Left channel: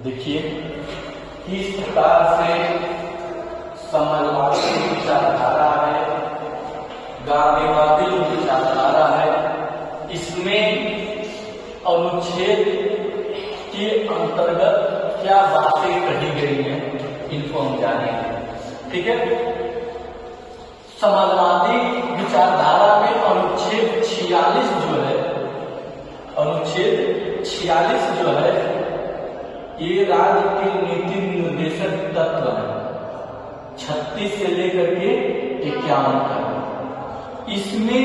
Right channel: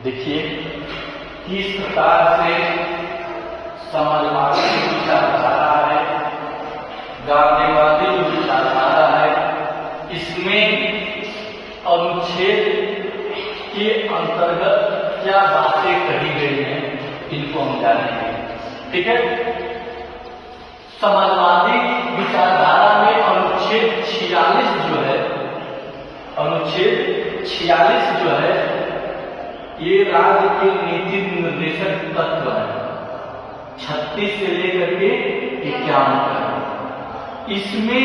देखिए किस प्रकार से समाजवादी विचारधारा है, गांधीवादी जो विचारधारा है, इसमें अनुच्छेद के अंतर्गत क्या बातें कही गई हैं, इनको हम जानेंगे। ठीक है, समाजवादी विचारधारा में अनुच्छेद 46 जो है, अनुच्छेद 46 जो है, ये राज्य के नीति निर्देशक तत्व है, 36 से लेकर के 51 तक। इसमें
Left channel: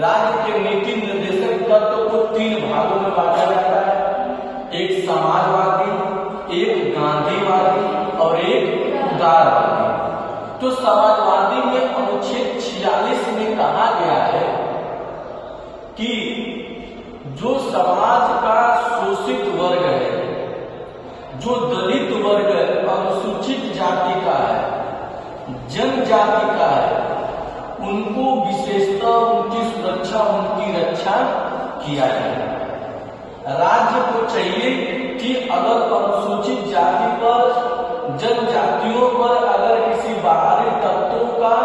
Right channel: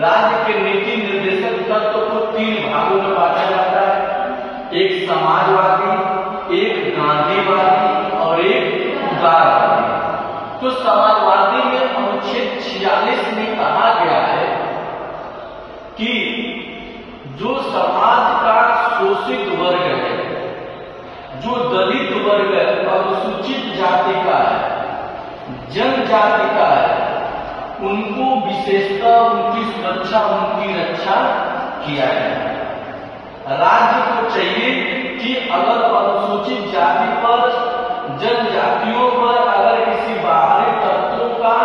राज्य के नीति निर्देशक तत्व को 3 भागों में बांटा जाता है, एक समाजवादी, एक गांधीवादी और एक उदारवादी। तो समाजवादी में अनुच्छेद 46 में कहा गया है कि जो समाज का शोषित वर्ग है, जो दलित वर्ग है, अनुसूचित जाति का है, जनजाति का है, उनको विशेषता, उनकी सुरक्षा, उनकी रक्षा किया जाए। राज्य को चाहिए कि अगर अनुसूचित जाति पर, जनजातियों पर अगर किसी बाहरी तत्वों का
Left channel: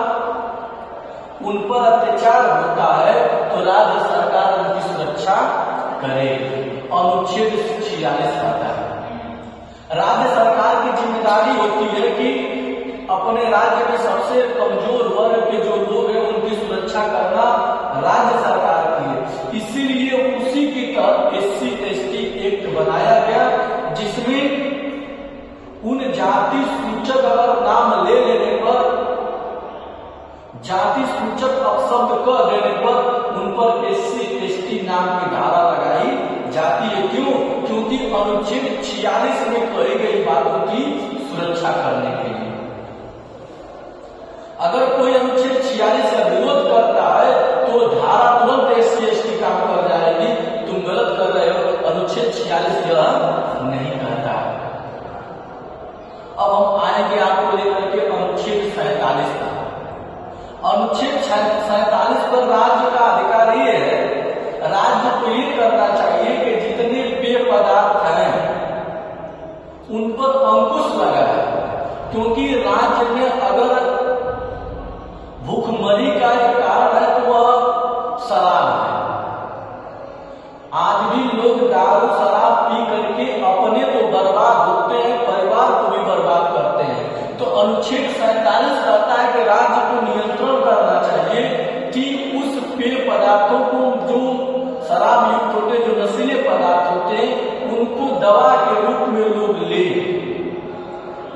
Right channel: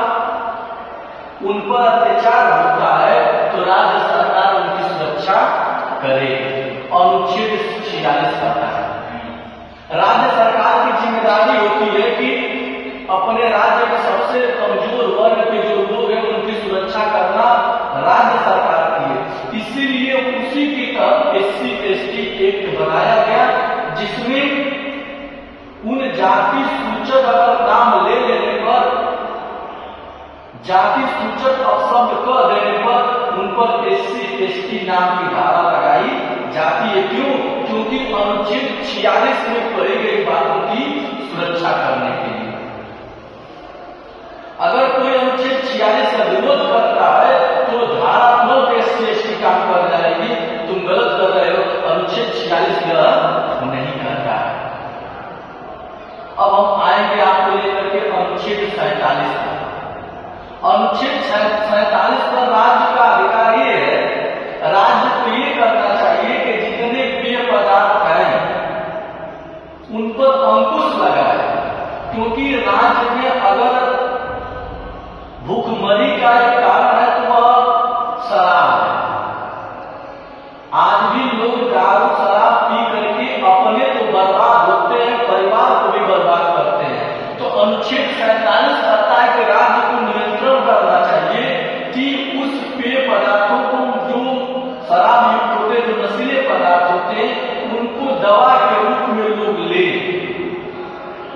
उन पर अत्याचार होता है तो राज्य सरकार उनकी सुरक्षा करे। अनुच्छेद 46 कहता है राज्य सरकार की जिम्मेदारी होती है कि अपने राज्य के सबसे कमजोर वर्ग के जो लोग हैं उनकी सुरक्षा करना राज्य सरकार की है। इसीलिए उसी की तरह SC/ST एक्ट बनाया गया, जिसमें उन जाति सूचक अगर नाम ले लेने पर, जाति सूचक शब्द कह देने पर उन पर SC/ST नाम की धारा लगाई जाती है। क्यों? क्योंकि अनुच्छेद 46 में कही गई बातों की सुरक्षा करने के लिए। अगर कोई अनुच्छेद 46 का विरोध करता है तो धारा तुरंत SC/ST काम कर जाएगी, तुम गलत कर रहे हो, अनुच्छेद 46 नहीं करता है। अब हम आएंगे आपको लेकर के अनुच्छेद 47 पर। अनुच्छेद 47 पर राज्य का अधिकार ये है, राज्य को ये करना चाहिए कि जितने पेय पदार्थ हैं उन पर अंकुश लगाए, क्योंकि राज्य में अगर भूखमरी का एक कारण है तो वह शराब है। आज भी लोग दारू शराब पी करके अपने तो बर्बाद होते हैं, परिवार को भी बर्बाद करते हैं। तो अनुच्छेद 47 कहता है कि राज्य को नियंत्रण करना चाहिए कि उस पेय पदार्थों को, जो शराब युक्त होते, जो नशीले पदार्थ होते, उनको दवा के रूप में लोग ले।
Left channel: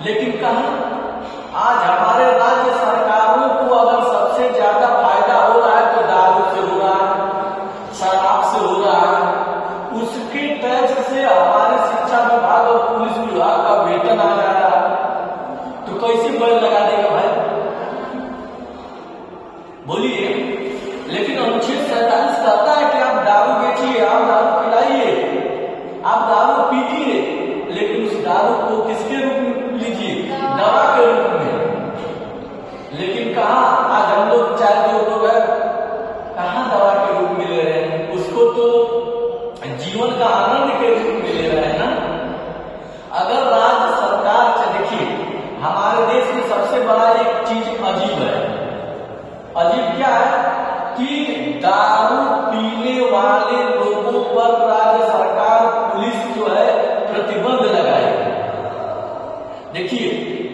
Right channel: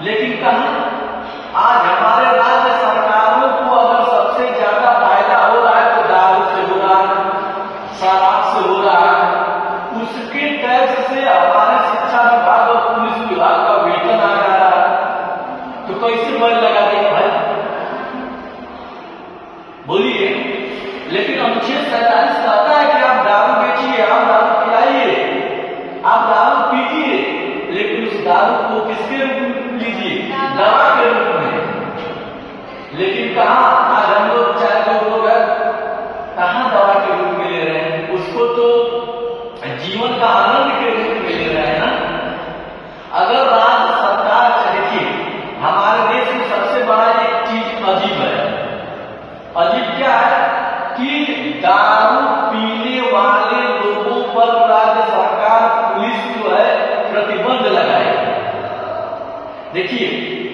लेकिन कहां आज हमारे राज्य सरकारों को अगर सबसे ज्यादा फायदा हो रहा है तो दारू से हो रहा है, शराब से हो रहा है, उसके टैक्स से हमारे शिक्षा विभाग और पुलिस विभाग का वेतन आ रहा है, तो कैसे मोल लगा देगा भाई, बोलिए। लेकिन अनुच्छेद 47 कहता है कि आप दारू बेचिए, आप दारू पिलाइए, आप दारू पीजिए, लेकिन उस दारू को किसके रूप में लीजिए? दवा के रूप में। लेकिन कहा आज हम लोग 4 लोग कहां दवा के रूप में ले रहे हैं, उसको तो जीवन का आनंद के रूप में ले रहे हैं ना। अगर राज्य सरकार, देखिए हमारे देश में सबसे बड़ा एक चीज अजीब है। अजीब क्या है कि दारू पीने वाले लोगों पर राज्य सरकार, पुलिस जो है प्रतिबंध लगाएगी। देखिए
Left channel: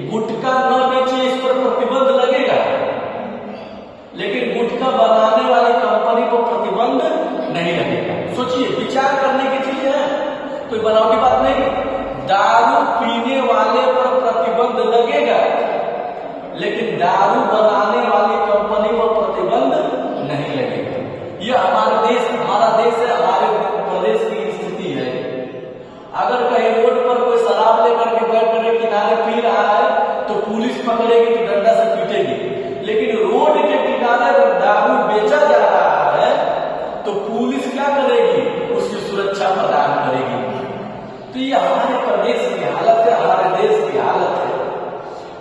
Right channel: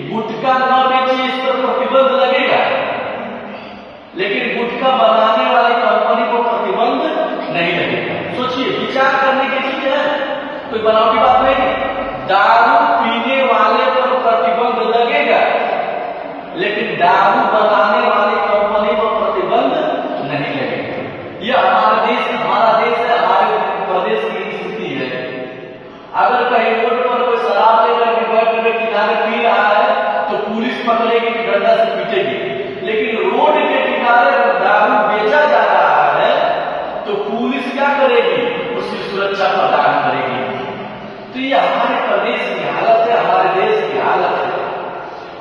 गुटखा न बेचिए, इस पर प्रतिबंध लगेगा, लेकिन गुटखा बनाने वाली कंपनी को प्रतिबंध नहीं लगेगा। सोचिए, विचार करने की चीज है, कोई बनावटी बात नहीं। दारू पीने वाले पर प्रतिबंध लगेगा, लेकिन दारू बनाने वाली कंपनी पर प्रतिबंध नहीं लगेगा। यह हमारा देश है, हमारे प्रदेश की स्थिति है। अगर कहीं रोड पर कोई शराब लेकर के बैठ कर किनारे पी रहा है तो पुलिस पकड़ेगी, डंडा से पीटेगी। लेकिन रोड के किनारे अगर दारू बेचा जा रहा है तो पुलिस क्या करेगी? उसकी सुरक्षा प्रदान करेगी। तो ये हमारे प्रदेश की हालत है, हमारे देश की हालत है।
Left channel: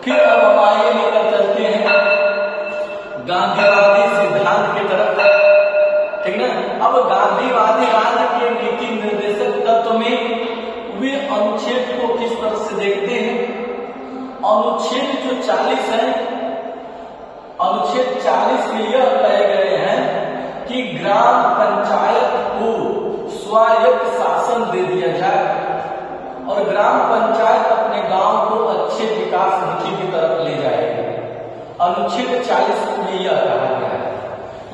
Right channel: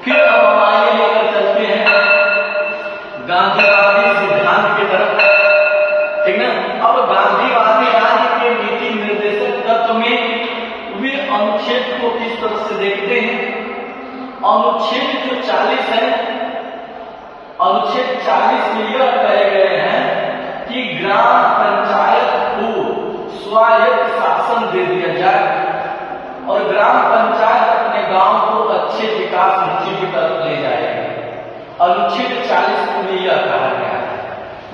फिर अब हम आगे लेकर चलते हैं गांधीवादी सिद्धांत की तरफ, ठीक ना। अब गांधीवादी राज्य के नीति निर्देशक तत्व में वे अनुच्छेद अनुच्छेद को किस तरह से देखते हैं। अनुच्छेद जो 40 है, अनुच्छेद 40 में यह कहे गए हैं कि ग्राम पंचायत को स्वायत्त शासन दे दिया जाए और ग्राम पंचायत अपने गांव को अच्छे विकास मुखी की तरफ ले जाएगी। अनुच्छेद 40 में यह कहा गया है।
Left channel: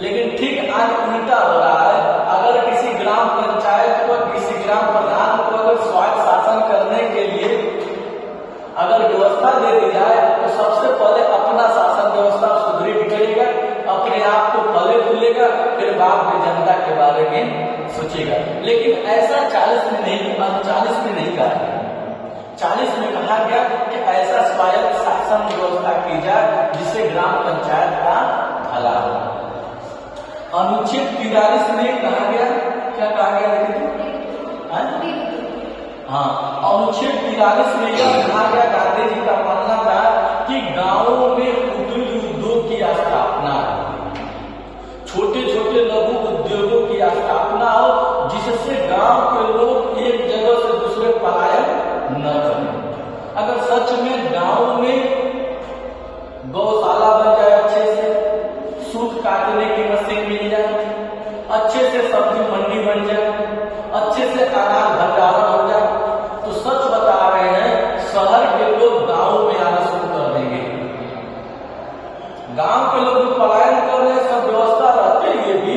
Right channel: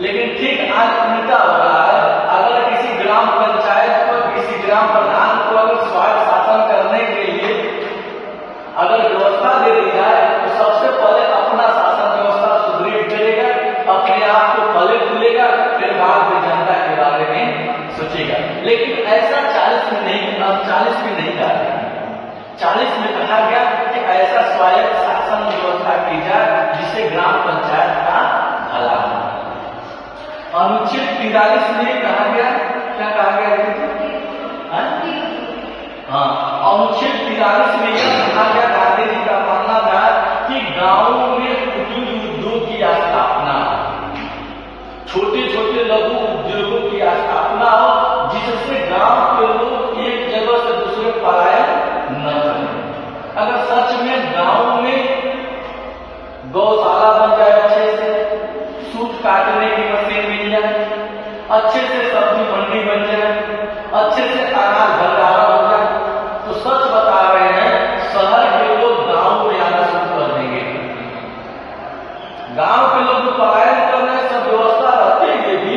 लेकिन ठीक आज उल्टा हो रहा है। अगर किसी ग्राम पंचायत को, किसी ग्राम प्रधान को अगर स्वायत्त शासन करने के लिए अगर व्यवस्था दे दी जाए तो सबसे पहले अपना शासन व्यवस्था सुदृढ़ करेगा, अपने आप को पहले खुलेगा, फिर बाद में जनता के बारे में सोचेगा। लेकिन ऐसा 40 में नहीं, 40 में नहीं कहा गया। 40 में कहा गया कि ऐसा स्वायत्त शासन व्यवस्था की जाए जिससे ग्राम पंचायत का भला हो। अनुच्छेद 43 में कहा गया, क्या कहा गया? हाँ, अनुच्छेद 43 में यह कहा गया, गांधी जी का मानना था कि गांवों में कुटीर उद्योग की स्थापना, छोटे छोटे लघु उद्योगों की स्थापना हो जिससे गांव के लोग एक जगह से दूसरे पलायन न करें। अगर सच में गांव में गौशाला बन जाए, अच्छे से सूत काटने की मशीन मिल जाए, अच्छे से सब्जी मंडी बन जाए, अच्छे से अनाज भंडारा बन जाए, तो सच बता रहे हैं शहर के लोग गांव में आना शुरू कर देंगे। गांव के लोग जो पलायन कर रहे हैं, सब व्यवस्था रहते हुए भी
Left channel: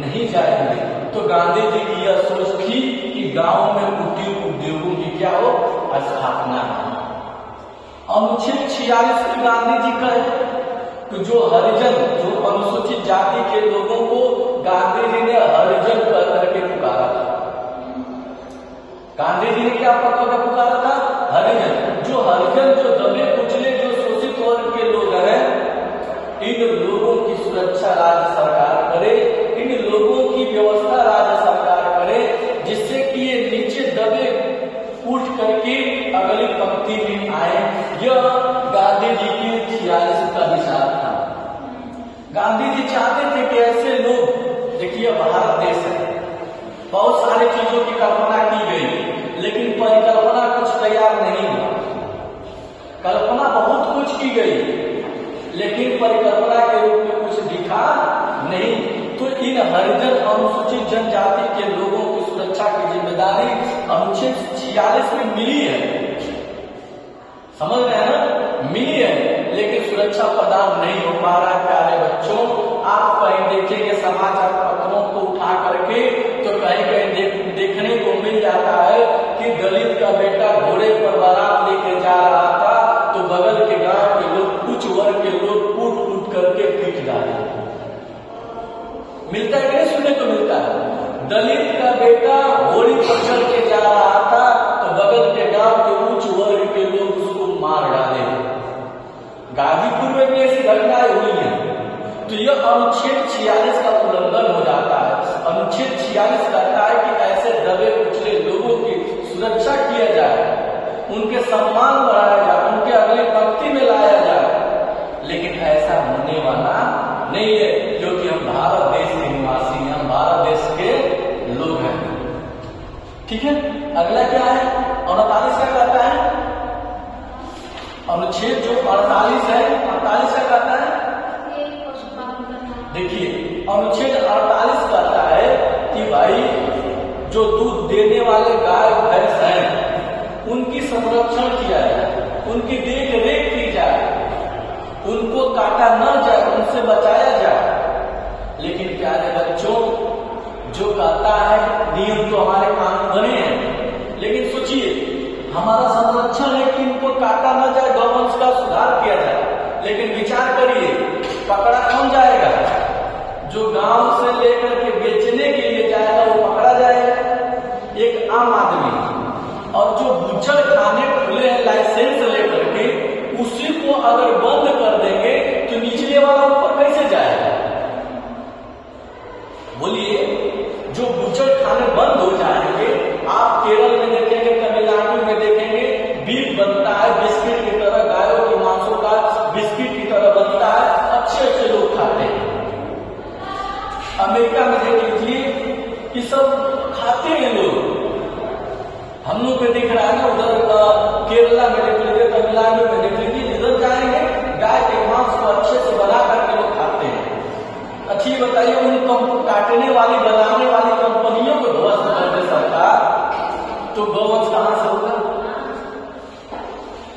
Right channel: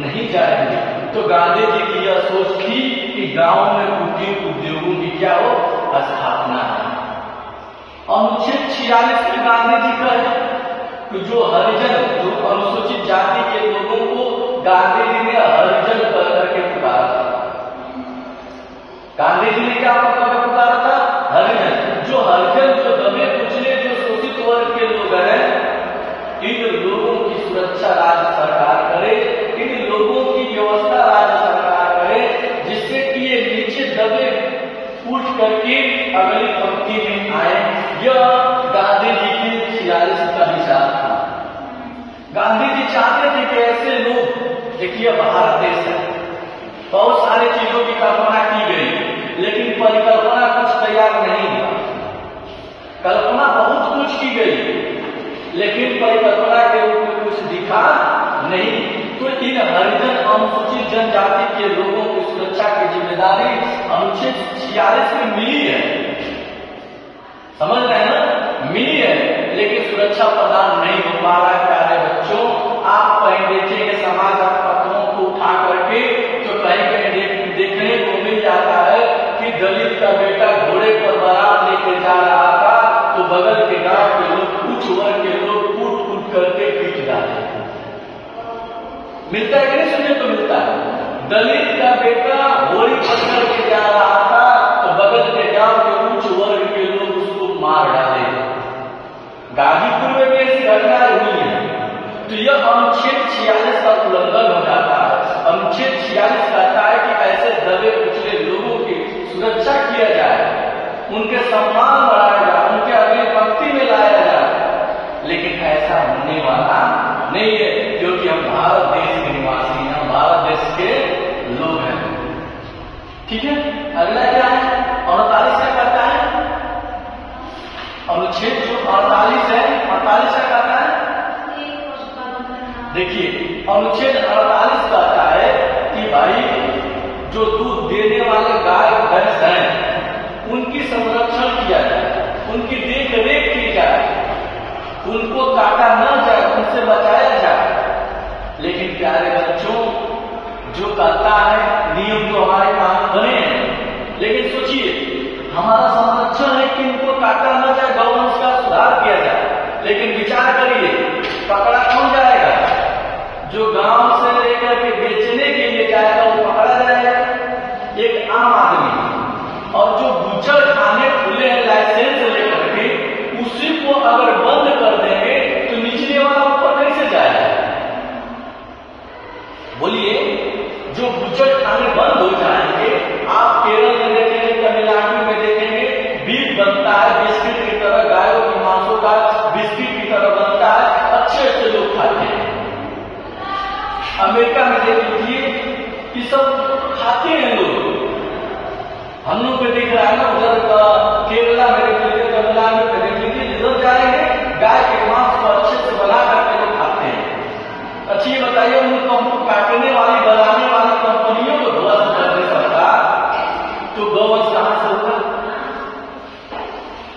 नहीं जाएंगे। तो गांधी जी की यह सोच थी कि गांव में कुटीर उद्योगों की क्या हो, स्थापना है। अनुच्छेद 46 में गांधी जी कहे कि जो हरिजन, जो अनुसूचित जाति के लोगों को गांधी जी ने हरिजन कह करके पुकारा था। गांधी जी ने क्या पुकारा था? हरिजन। जो हरिजन, जो दबे कुचले, जो शोषित वर्ग के लोग हैं, इन लोगों की सुरक्षा राज्य सरकार करे, इन लोगों की व्यवस्था राज्य सरकार करे, जिससे कि ये नीचे दबे उठ करके अगली पंक्ति में आए। यह गांधी जी की 46 का विचार था। गांधी जी चाहते थे कि ऐसे लोग, देखिए भारत देश है, बहुत सारी चीजों की कल्पना की गई, लेकिन परिकल्पना कुछ तैयार नहीं हुआ। कल्पना बहुत कुछ की गई, लेकिन परिकल्पना के रूप में कुछ दिखा नहीं। तो इन हरिजन अनुसूचित जनजाति के लोगों की सुरक्षा की जिम्मेदारी अनुच्छेद 46 में मिली है। समझ रहे हैं ना? मिली है, लेकिन सुरक्षा प्रदान नहीं हो पा रहा है। प्यारे बच्चों, आप कहीं देखेंगे समाचार पत्रों को उठा करके, तो कहीं कहीं देखने को मिल जाता है कि दलित का बेटा घोड़े पर बारात लेकर जा रहा था, तो बगल के गांव के लोग, उच्च वर्ग के लोग कूट कूट करके पीट डाले। मिलता है कि नहीं? सुनने को मिलता है। दलित का बेटा घोड़ी पर चढ़ के जा रहा था, तो बगल के गांव के उच्च वर्ग के लोग उसको मार डाले। गाजीपुर में भी ऐसी घटनाएं हुई है। तो यह अनुच्छेद 46 का उल्लंघन हो जाता है। अनुच्छेद 46 कहता है कि ऐसे दबे कुचले लोगों की सुरक्षा किया जाए, उनके सम्मान बढ़ाया जाए, उनके अगली पंक्ति में लाया जाए। लेकिन ऐसा होने वाला नहीं है, क्योंकि हम भारत देश के निवासी हैं, हम भारत देश के लोग हैं। ठीक है, अगला क्या है? 48 का कहता है, अनुच्छेद जो 48 है, 48 का कहता है, देखिए अनुच्छेद 48 कहता है कि भाई जो दूध देने वाले गाय भैंस हैं, उनकी संरक्षण किया जाए, उनकी देख रेख की जाए, उनको काटा न जाए, उनसे बचाया जाए। लेकिन प्यारे बच्चों, जो कहता है नियम तो हमारे कानून बने हैं, लेकिन सोचिए हमारा संरक्षण है कि इनको काटा न जाए, गौवंश का सुधार किया जाए। लेकिन विचार करिए, पकड़ा कौन जाएगा? जो गांव से लेकर के बेचने के लिए जाएगा वो पकड़ा जाएगा, एक आम आदमी। और जो बूचड़ खाने खुले लाइसेंस लेकर के, उसी को अगर बंद कर देंगे तो निचले वाला ऊपर कैसे जाएगा? बोलिए, जो बूचड़ खाने बंद हो जाएंगे, आप केरल में देखेंगे, तमिलनाडु में देखेंगे, बीफ बनता है बिस्किट की तरह, गायों के मांसों का बिस्किट की तरह बनता है, अच्छे अच्छे लोग खाते हैं। अमेरिका में देख लीजिए, ये सब खाते हैं लोग।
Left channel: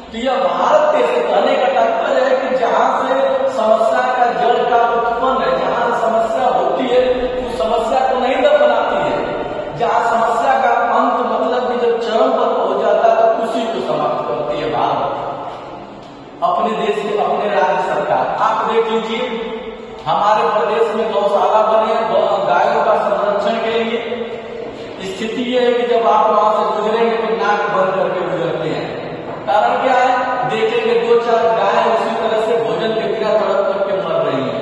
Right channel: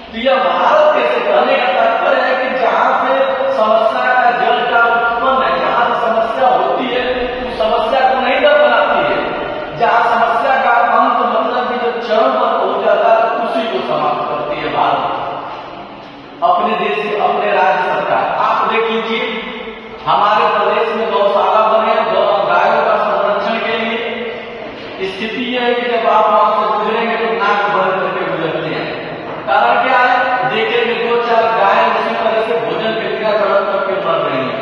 तो यह भारत देश से कहने का तात्पर्य है कि जहां से समस्या का जड़ का उत्पन्न है, जहां समस्या होती है उस समस्या को नहीं दब बनाती है, जहां समस्या का अंत मतलब कि जब चरम पर पहुंच जाता है तो उसी को समाप्त करती है भारत अपने देश की अपने राज्य सरकार। आप देख लीजिए हमारे प्रदेश में गौशाला बने गायों का संरक्षण के लिए। स्थिति यह है कि जब आप वहां से गुजरेंगे तो नाक बंद करके गुजरते हैं। कारण क्या है, देखेंगे 2-4 गाय उसी तरह से भोजन के बिना तड़प करके मर रही है,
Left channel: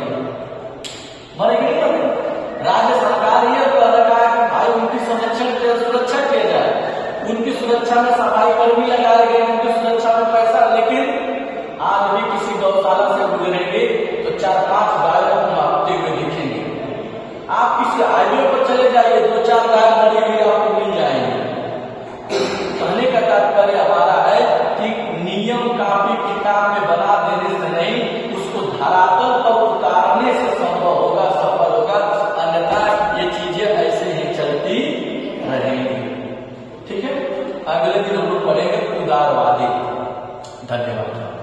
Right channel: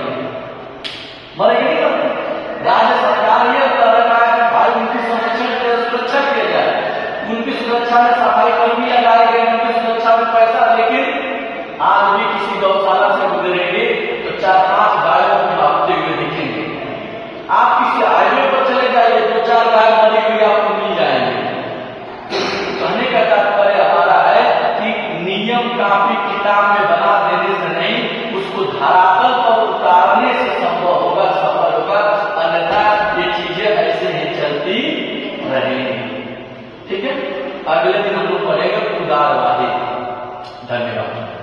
मरेगी नहीं मरेगी। राज्य सरकार यह कह रखा है कि भाई उनकी संरक्षण के सुरक्षा किया जाए, उनकी सुरक्षा में सफाई कर्मी लगाए गए, उनकी सुरक्षा में पैसा। लेकिन आज भी किसी गौशाला से गुजरेंगे तो 4-5 गायों में आपते हुए दिखेंगे। आप किसी हाईवे पर चले जाइए 2-4 गाय मरी हुई आपको मिल जाएंगे। कहने का तात्पर्य हमारा है कि नियम कापी किताब में बना देने से नहीं, उसको धरातल पर उतारने से संभव होगा, सफल होगा, अन्यथा ये चीजें ऐसे ही चलती रहेंगी। ठीक है, अगले दिन हम लोग पढ़ेंगे उदारवादी। धन्यवाद।